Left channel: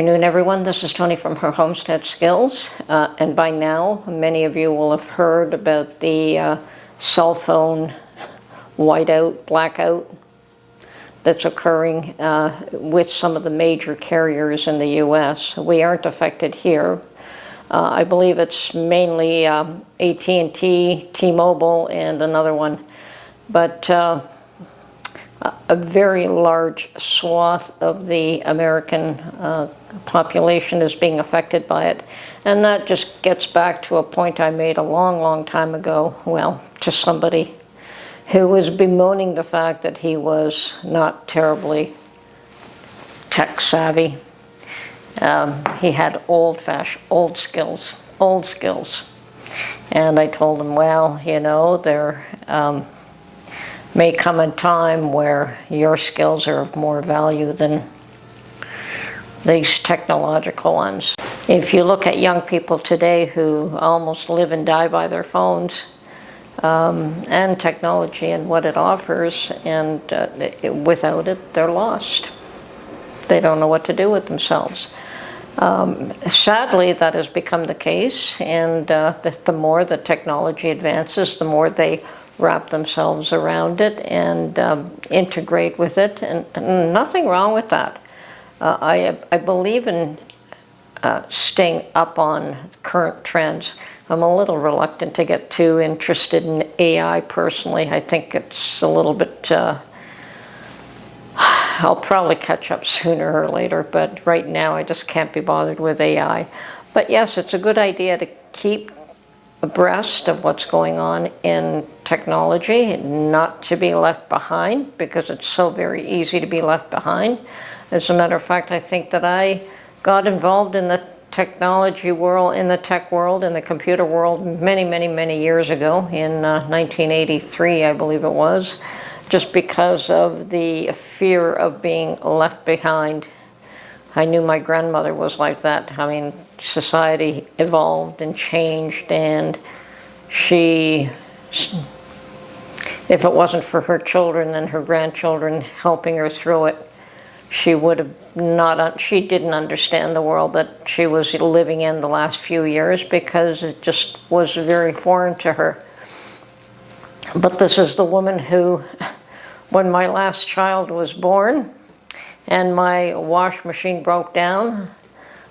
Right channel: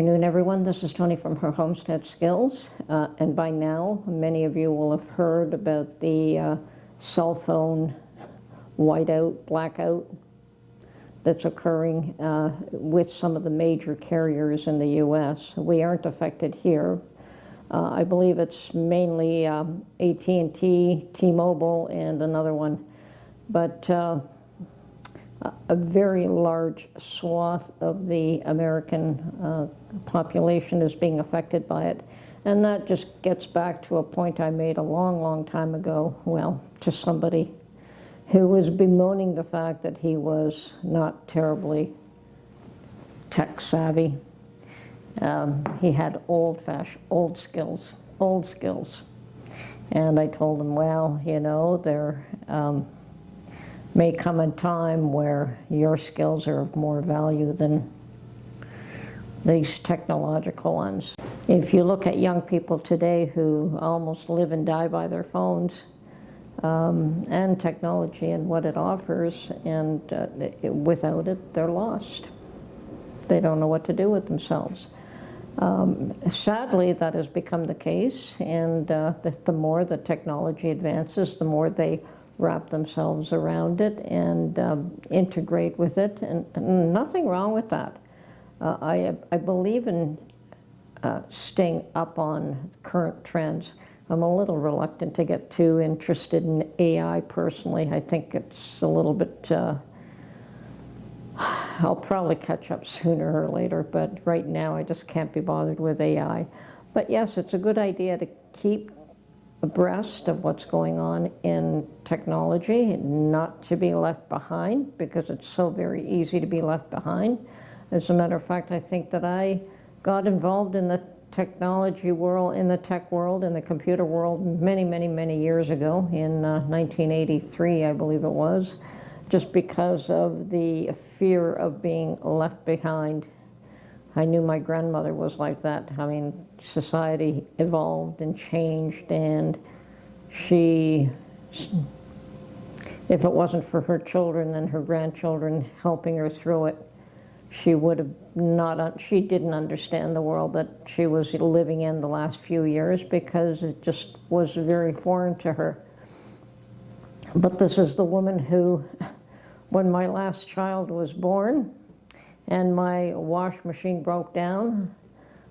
afternoon, everyone. This is Tony from her Homestead Skills. And by now, many of you will have heard about the cell phone whiteout, blackout that's occurring with some of the major carriers in the U.S. We aren't affected here. I believe it's mainly AT&T, T-Mobile, and another one. But a very large swath of the American population is being affected by it. And that just gets back to a point I made a long, long time ago, well, to somebody who was bemoaning the fact that he was not terribly tech savvy. He had old skills. And I told him, well, you know, there may come a time where your skills are of more value than these technological ones. If you look at young people today who almost live and die by their phones and technology and what it offers, and without it, they're lost. They don't know what to do with themselves. Sadly, that has become the case, and the more the technology advances, the more they wrap themselves around it and integrate with it, and nothing wrong with that. I believe in staying up on current trends. I'm a little reluctant to get too interested in AI personally. I think it's a little bit, I'll probably catch up sooner or later, but right now I just can't be bothered with AI. But yes, it's a good idea to keep abreast of what's going on in technology, not to be left behind, because it's so very easy to be left behind. As a matter of fact, I think that I got involved in the technology world, in the tech world, in the computer world many years ago, in 1983, I believe it was, just because of the fear of being left behind. I knew my grandmother was like that. I mean, society evolved and changed, and she, if it wasn't for her children and her grandchildren helping her through it, she would have not, she didn't understand the world that she was living in the last few years, because it just was very foreign to her. But this is the woman who, when my last child was born, and my wash machine broke down,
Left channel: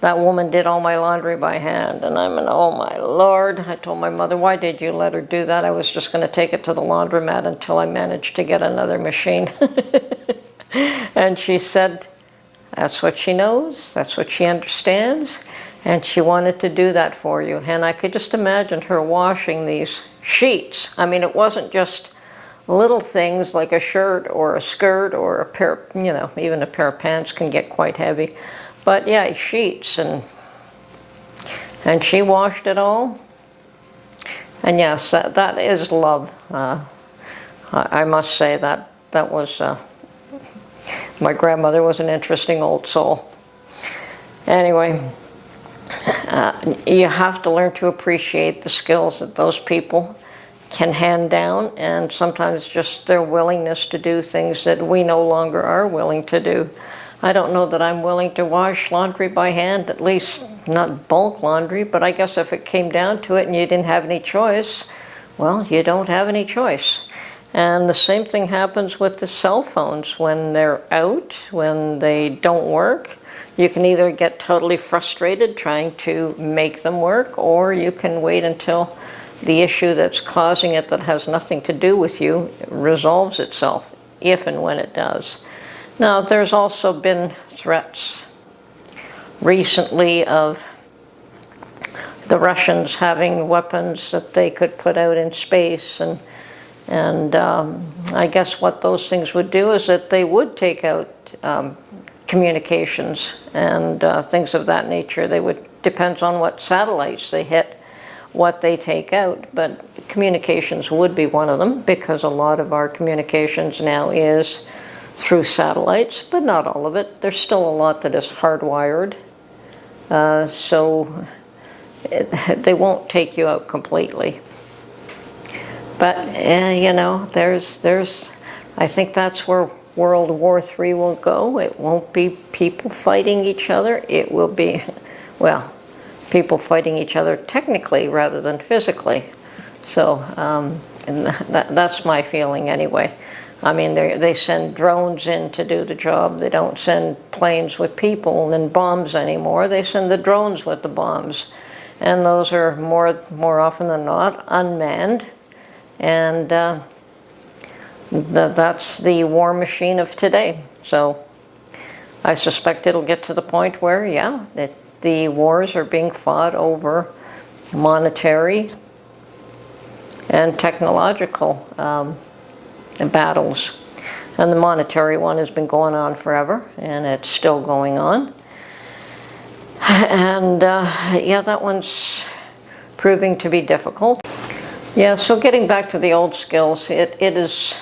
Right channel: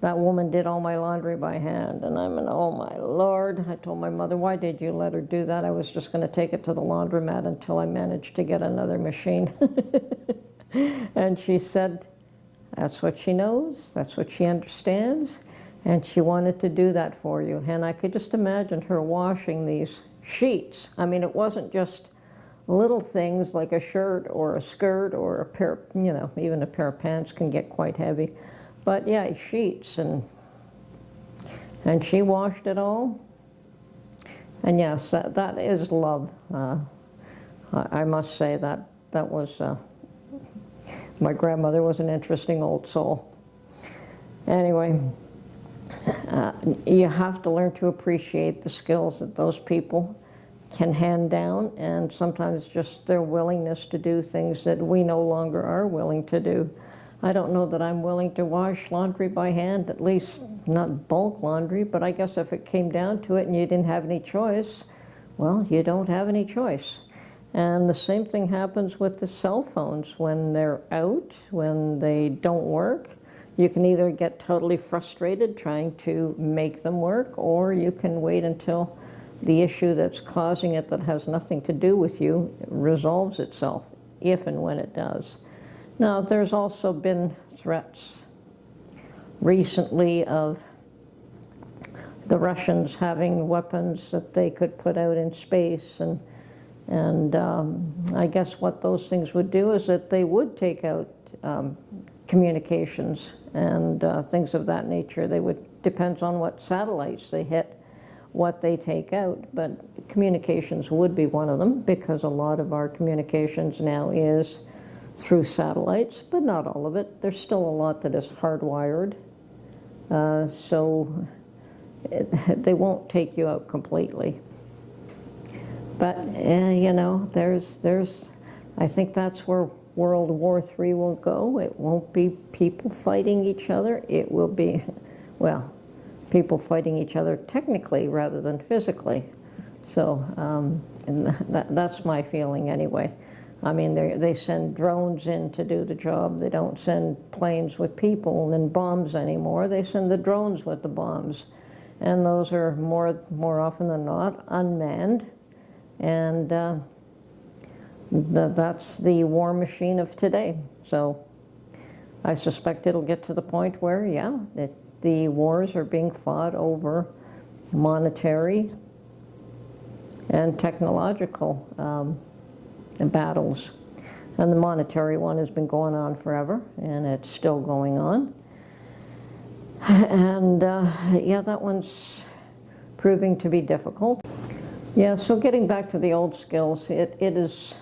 that woman did all my laundry by hand. And I'm oh my Lord. I told my mother, why did you let her do that? I was just going to take it to the laundromat until I managed to get another machine. And she said, that's what she knows, that's what she understands, and she wanted to do that for you. And I could just imagine her washing these sheets. I mean, it wasn't just little things like a shirt or a skirt or a pair, you know, even a pair of pants can get quite heavy. But yeah, sheets, and she washed it all. And yes, that is love. I must say that was, my grandmother was an interesting old soul. Anyway, you have to learn to appreciate the skills that those people can hand down, and sometimes just their willingness to do things that we no longer are willing to do. I don't know that I'm willing to wash laundry by hand, at least not bulk laundry, but I guess if it came down to it and you didn't have any choice, well, you don't have any choice. And the same thing happens with the cell phones. When they're out, when they don't work, you can either get totally frustrated trying to make them work, or you can wait until the issue that's causing it, that has nothing to do with you, resolves itself, if and when it does. Now, there's also been threats recently of the Russians having weapons that they could put out in space, and I guess what those things would do is that they would take out communications and things of that nature. They would, depends on what satellites they hit, what they take out, but communications would be one of them, because a lot of our communications now is through satellites, but not all of it. There's still a lot that is hardwired, so they won't take you out completely. But you know, I think that's where World War III will go. It won't be people fighting each other. It will be, well, people fighting each other technically rather than physically. So and that's my feeling anyway. I mean, they send drones in to do the job. They don't send planes with people and bombs anymore. They send the drones with the bombs. And those are more often than not unmanned. And that's the war machine of today. So I suspect it'll get to the point where, yeah, the wars are being fought over monetary and technological battles. And the monetary one has been going on forever, and it's still going on. And yeah, that one's proving to be difficult. Yeah, so getting back to the old skills, it is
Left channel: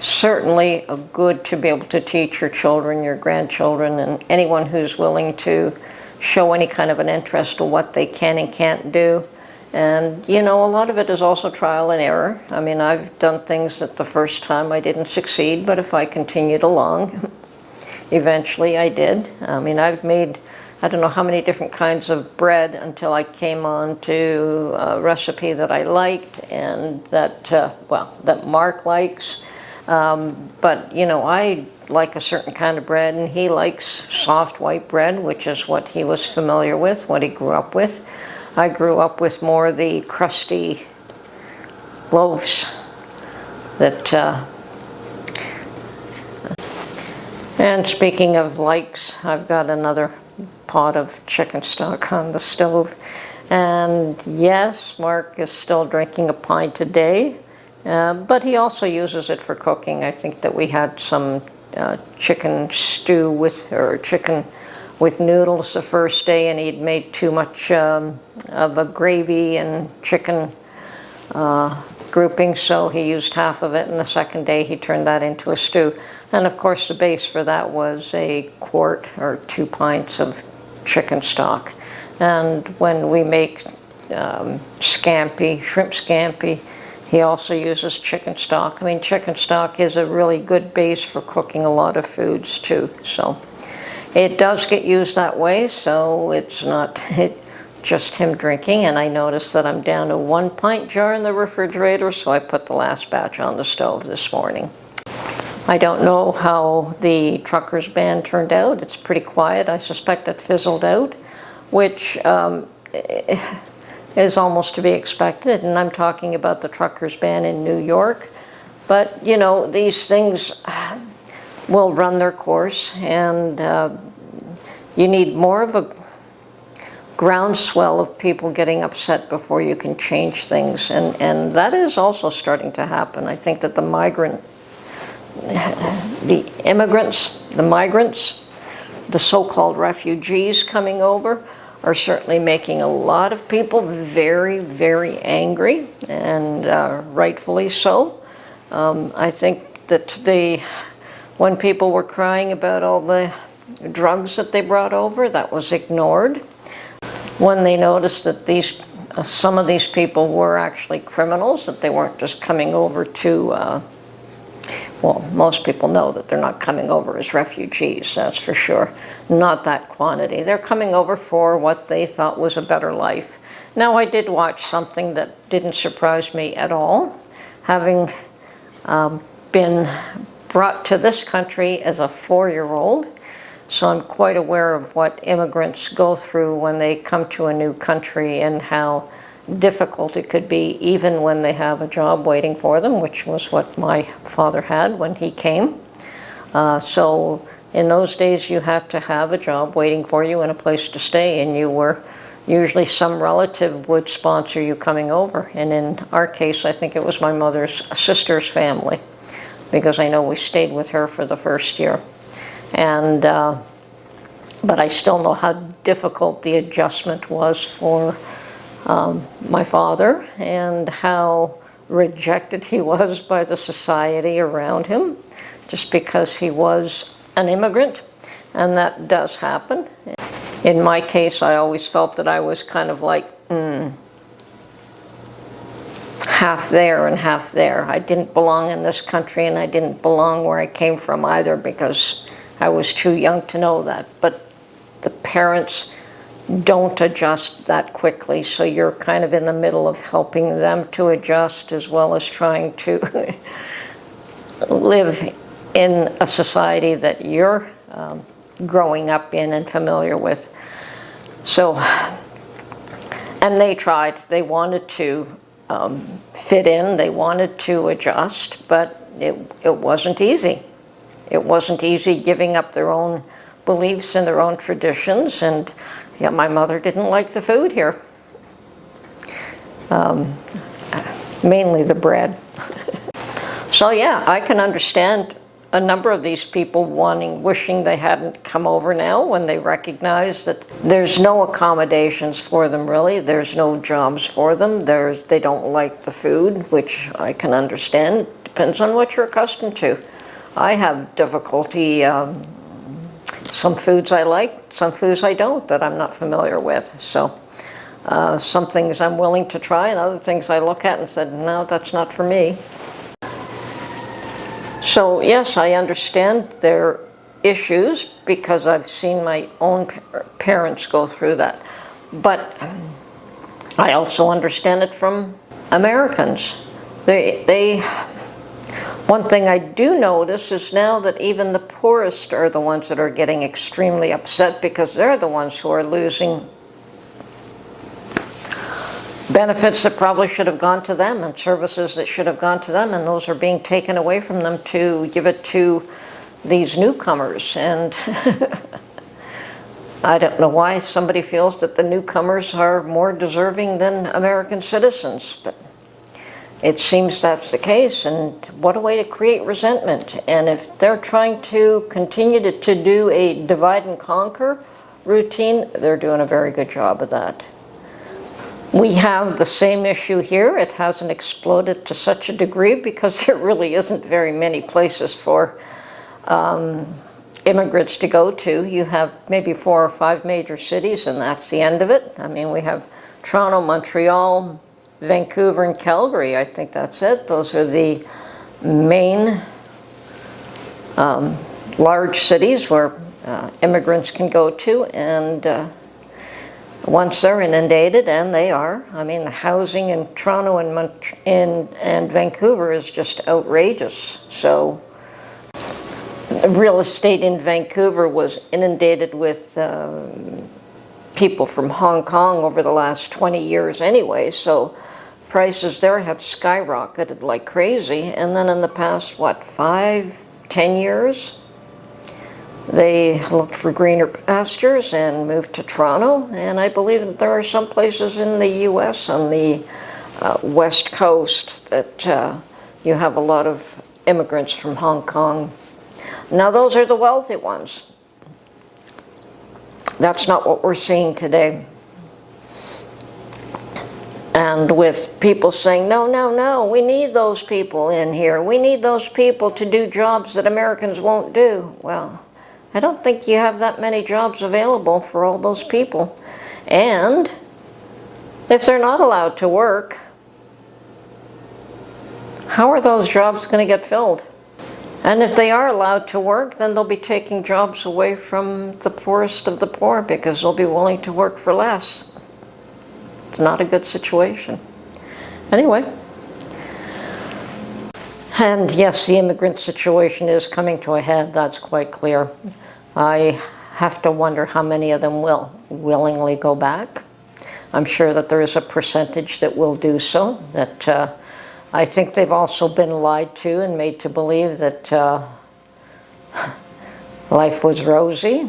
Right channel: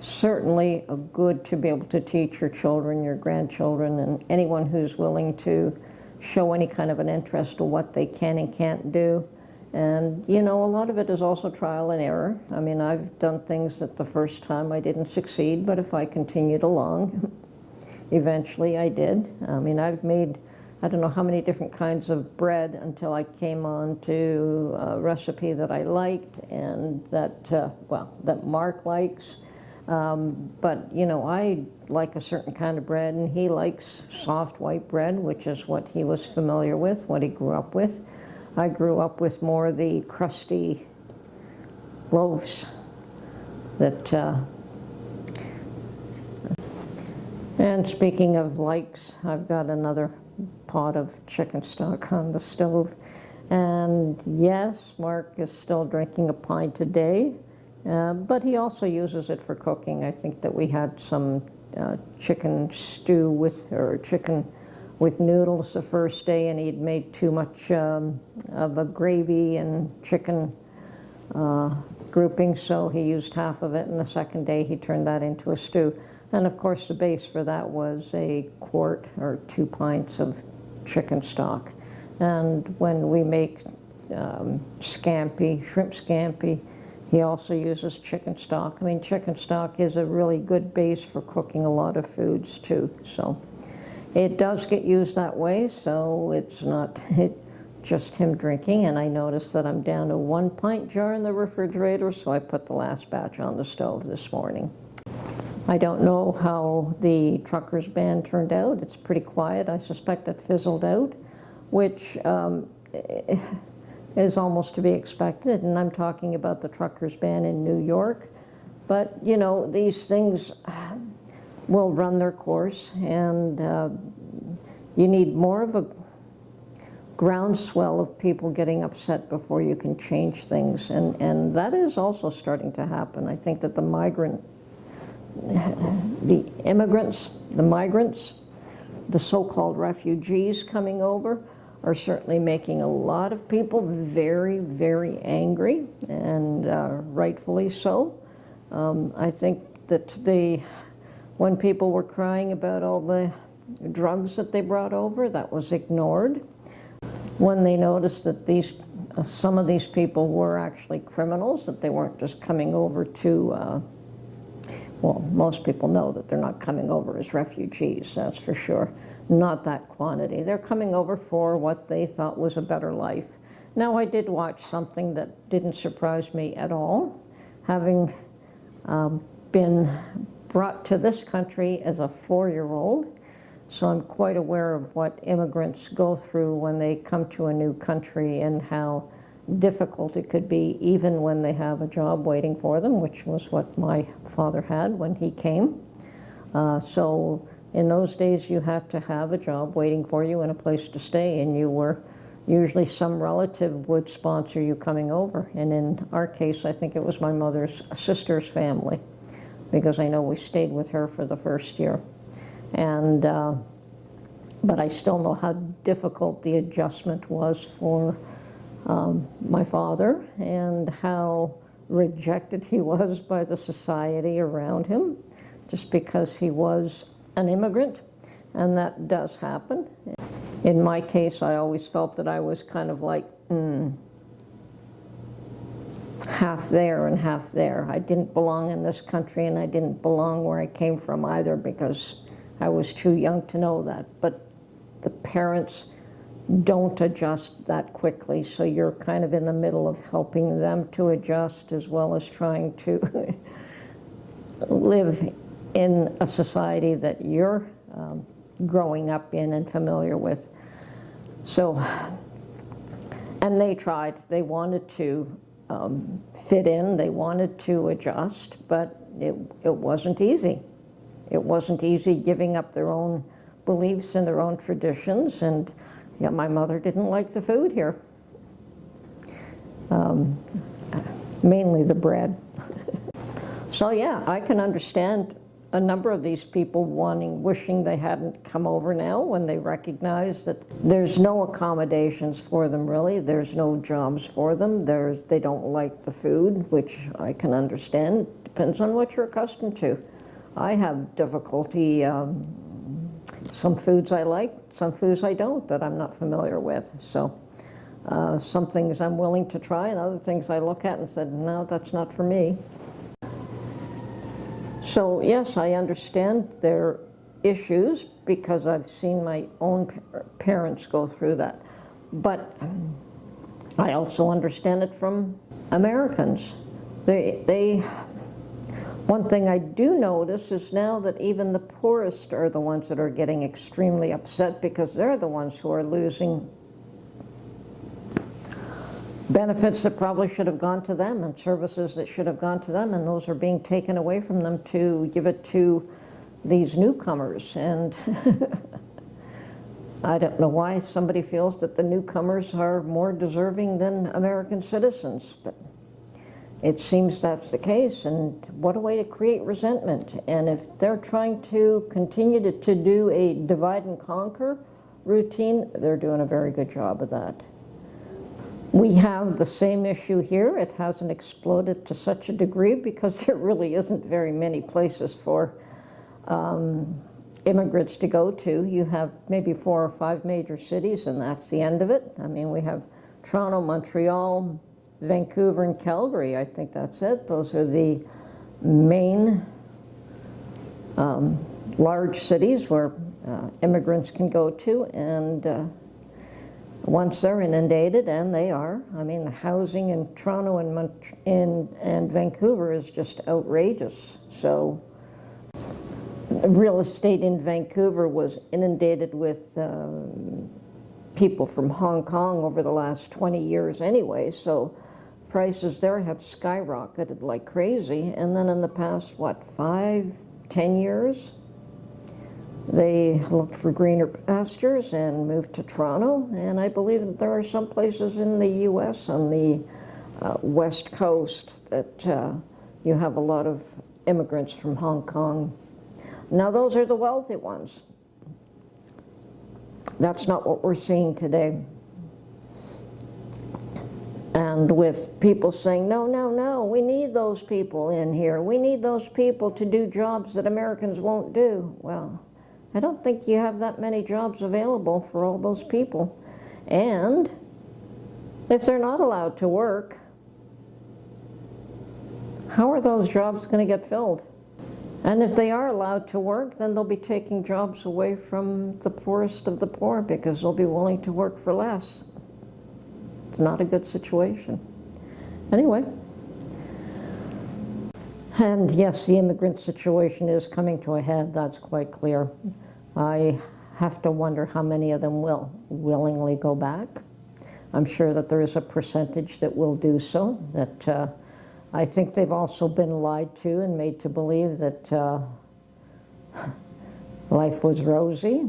certainly good to be able to teach your children, your grandchildren, and anyone who's willing to show any kind of an interest in what they can and can't do. And, you know, a lot of it is also trial and error. I mean, I've done things that the first time I didn't succeed, but if I continued along, eventually I did. I mean, I've made, I don't know how many different kinds of bread until I came on to a recipe that I liked and that, well, that Mark likes. But, you know, I like a certain kind of bread, and he likes soft white bread, which is what he was familiar with, what he grew up with. I grew up with more the crusty loaves that, and speaking of likes, I've got another pot of chicken stock on the stove. And yes, Mark is still drinking a pint a day, but he also uses it for cooking. I think that we had some chicken stew or chicken with noodles the first day, and he'd made too much of a gravy and chicken grouping, so he used half of it, and the second day he turned that into a stew. And of course the base for that was a quart or 2 pints of chicken stock. And when we make scampi, shrimp scampi, he also uses chicken stock. I mean, chicken stock is a really good base for cooking a lot of foods too. So it does get used that way, so it's not just him drinking. And I noticed that I'm down to 1 pint jar in the refrigerator, so I put the last batch on the stove this morning. I don't know how the truckers band turned out. It's pretty quiet. I suspect it fizzled out, which is almost to be expected. And I'm talking about the truckers band in New York. But, you know, these things will run their course, and you need more of a groundswell of people getting upset before you can change things. And that is also starting to happen. I think that the immigrants, the migrants, the so-called refugees coming over are certainly making a lot of people very, very angry, and rightfully so. I think that when people were crying about all the drugs that they brought over, that was ignored. When they noticed that some of these people were actually criminals, that they weren't just coming over to well, most people know that they're not coming over as refugees, that's for sure. Not that quantity. They're coming over for what they thought was a better life. Now, I did watch something that didn't surprise me at all. Having been brought to this country as a 4-year-old, so I'm quite aware of what immigrants go through when they come to a new country and how difficult it could be even when they have a job waiting for them, which was what my father had when he came. So in those days you had to have a job waiting for you and a place to stay, and you were usually some relative would sponsor you coming over. And in our case, I think it was my mother's sister's family, because I know we stayed with her for the first year. And but I still know how difficult the adjustment was for my father, and how rejected he was by the society around him, just because he was an immigrant, and that does happen. In my case, I always felt that I was kind of like, half there and half there. I didn't belong in this country, and I didn't belong where I came from either, because I was too young to know that. But the parents don't adjust that quickly, so you're kind of in the middle of helping them to adjust as well as trying to live in a society that you're growing up in and familiar with. So, and they tried. They wanted to fit in. They wanted to adjust, but it wasn't easy. It wasn't easy giving up their own beliefs and their own traditions, and yeah, my mother didn't like the food here. Mainly the bread. So yeah, I can understand a number of these people wishing they hadn't come over now, when they recognize that there's no accommodations for them really, there's no jobs for them, they don't like the food, which I can understand. Depends on what you're accustomed to. I have difficulty, some foods I like, some foods I don't, that I'm not familiar with. So some things I'm willing to try, and other things I look at and said, no, that's not for me. So yes, I understand their issues because I've seen my own parents go through that. But I also understand it from Americans. One thing I do notice is now that even the poorest are the ones that are getting extremely upset, because they're the ones who are losing benefits that probably should have gone to them, and services that should have gone to them, and those are being taken away from them to give it to these newcomers. And I don't know why somebody feels that the newcomers are more deserving than American citizens, but it seems that's the case. And what a way to create resentment. And if they're trying to continue to do a divide and conquer routine, they're doing a very good job of that. We have the same issue here. It hasn't exploded to such a degree because there really isn't very many places for immigrants to go to. You have maybe 4 or 5 major cities, and that's the end of it. I mean, we have Toronto, Montreal, Vancouver, and Calgary. I think that's it. Those are the main large cities where immigrants can go to, and once they're inundated, and they are, I mean, the housing in Toronto and Vancouver is just outrageous. So real estate in Vancouver was inundated with people from Hong Kong over the last 20 years anyway, so prices there had skyrocketed like crazy. And then in the past, what, 5-10 years, they looked for greener pastures and moved to Toronto. And I believe that there are some places in the U.S. on the West Coast that you have a lot of immigrants from Hong Kong. Now those are the wealthy ones. That's not what we're seeing today. And with people saying, no, no, no, we need those people in here. We need those people to do jobs that Americans won't do. Well, I don't think you have that many jobs available for all those people. And if they're not allowed to work, how are those jobs going to get filled? And if they are allowed to work, then they'll be taking jobs away from the poorest of the poor because they'll be willing to work for less. It's not a good situation. Anyway. And yes, the immigrant situation is coming to a head, that's quite clear. I have to wonder how many of them will willingly go back. I'm sure that there is a percentage that will do so, that I think they've also been lied to and made to believe that life was rosy.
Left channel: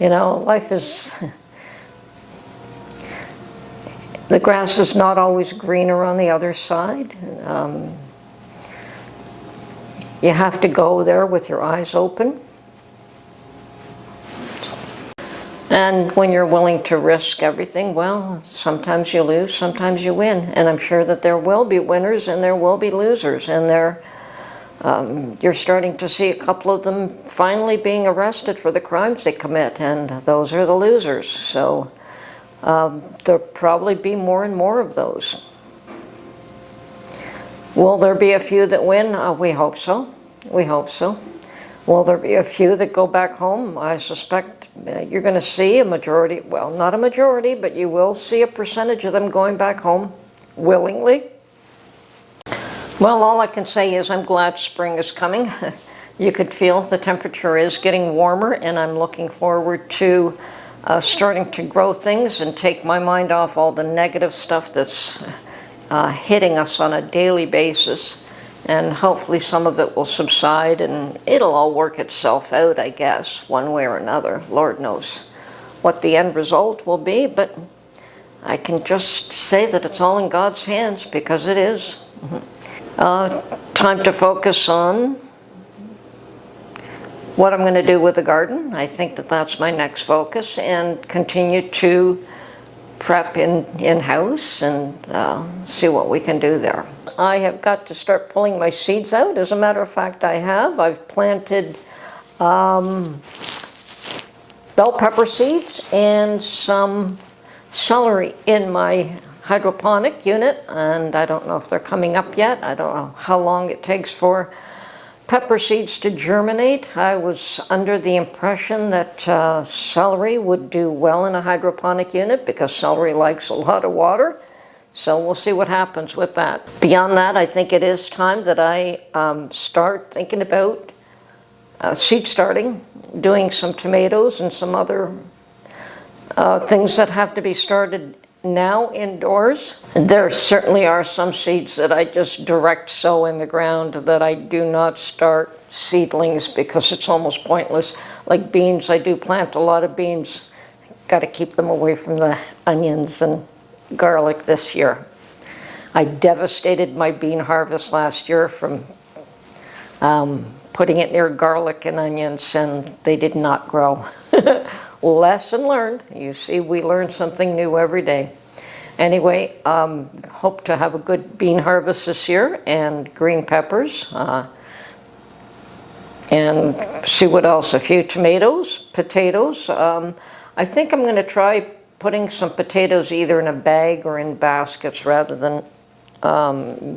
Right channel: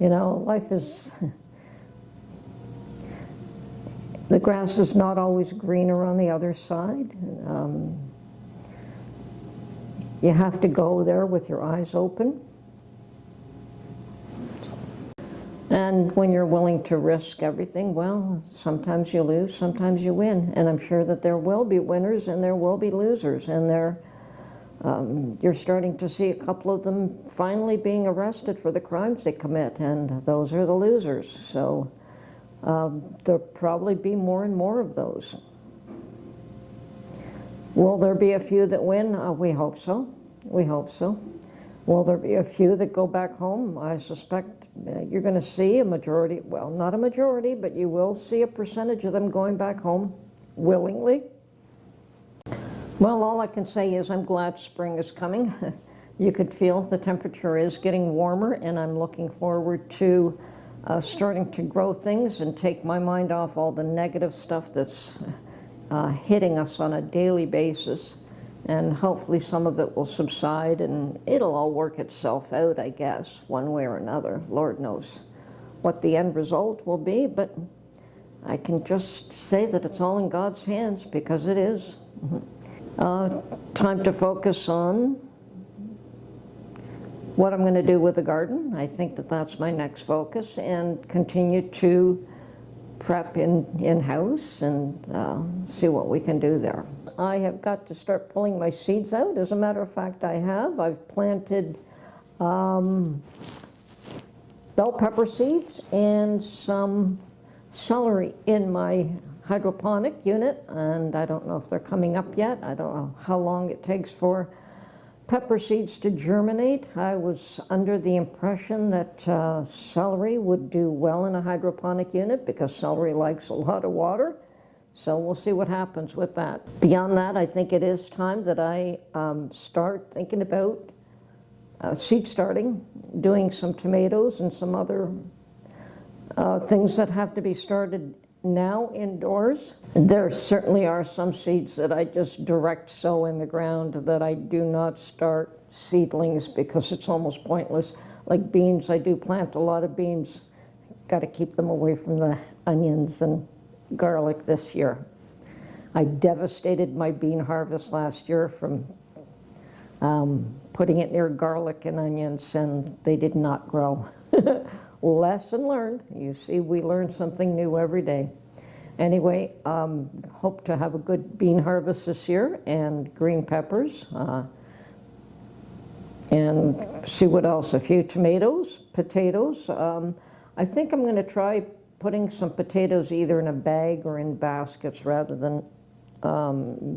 You know, life is... the grass is not always greener on the other side. You have to go there with your eyes open. And when you're willing to risk everything, well, sometimes you lose, sometimes you win. And I'm sure that there will be winners and there will be losers. And you're starting to see a couple of them finally being arrested for the crimes they commit. And those are the losers. So there'll probably be more and more of those. Will there be a few that win? We hope so. We hope so. Will there be a few that go back home? I suspect you're going to see a majority, well, not a majority, but you will see a percentage of them going back home willingly. Well, all I can say is I'm glad spring is coming. You could feel the temperature is getting warmer, and I'm looking forward to starting to grow things and take my mind off all the negative stuff that's hitting us on a daily basis. And hopefully some of it will subside and it'll all work itself out, I guess, one way or another. Lord knows what the end result will be, but I can just say that it's all in God's hands, because it is. Time to focus on what I'm going to do with the garden. I think that that's my next focus, and continue to prep in-house and see what we can do there. I have got to start pulling my seeds out. As a matter of fact, I have. I've planted bell pepper seeds and some celery in my hydroponic unit, and I don't know if they're coming up yet. I don't know how long it takes for pepper seeds to germinate. I was under the impression that celery would do well in a hydroponic unit because celery likes a lot of water. So we'll see what happens with that. Beyond that, I think it is time that I start thinking about seed starting, doing some tomatoes and some other things that have to be started now indoors. There certainly are some seeds that I just direct sow in the ground, that I do not start seedlings because it's almost pointless. Like beans, I do plant a lot of beans. Got to keep them away from the onions and garlic this year. I devastated my bean harvest last year from putting it near garlic and onions, and they did not grow. Lesson learned. You see, we learn something new every day. Anyway, hope to have a good bean harvest this year, and green peppers, and see what else. A few tomatoes, potatoes. I think I'm going to try putting some potatoes either in a bag or in baskets rather than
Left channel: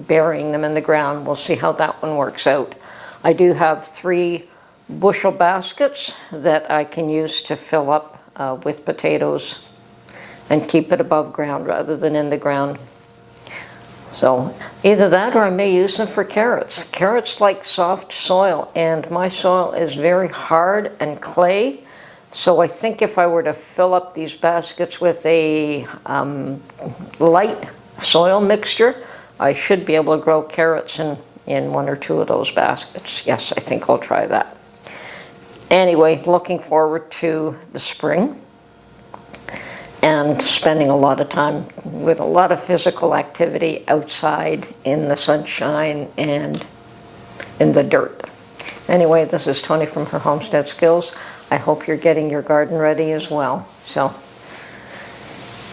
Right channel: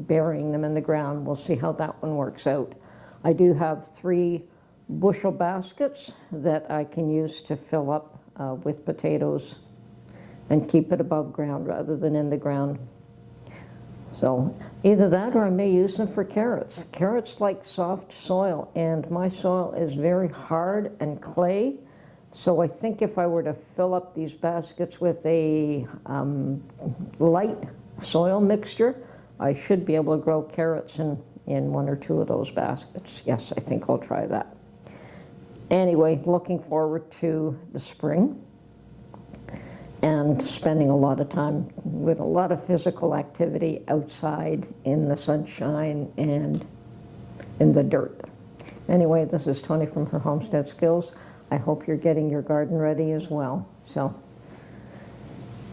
burying them in the ground. We'll see how that one works out. I do have 3 bushel baskets that I can use to fill up with potatoes and keep it above ground rather than in the ground. So either that, or I may use them for carrots. Carrots like soft soil, and my soil is very hard and clay. So I think if I were to fill up these baskets with a light soil mixture, I should be able to grow carrots in 1 or 2 of those baskets. Yes, I think I'll try that. Anyway, looking forward to the spring and spending a lot of time with a lot of physical activity outside in the sunshine and in the dirt. Anyway, this is Tony from Her Homestead Skills. I hope you're getting your garden ready as well. So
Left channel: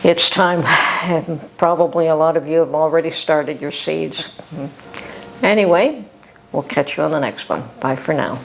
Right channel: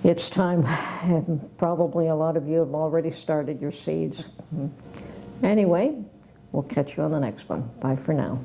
it's time, and probably a lot of you have already started your seeds. Anyway, we'll catch you on the next one. Bye for now.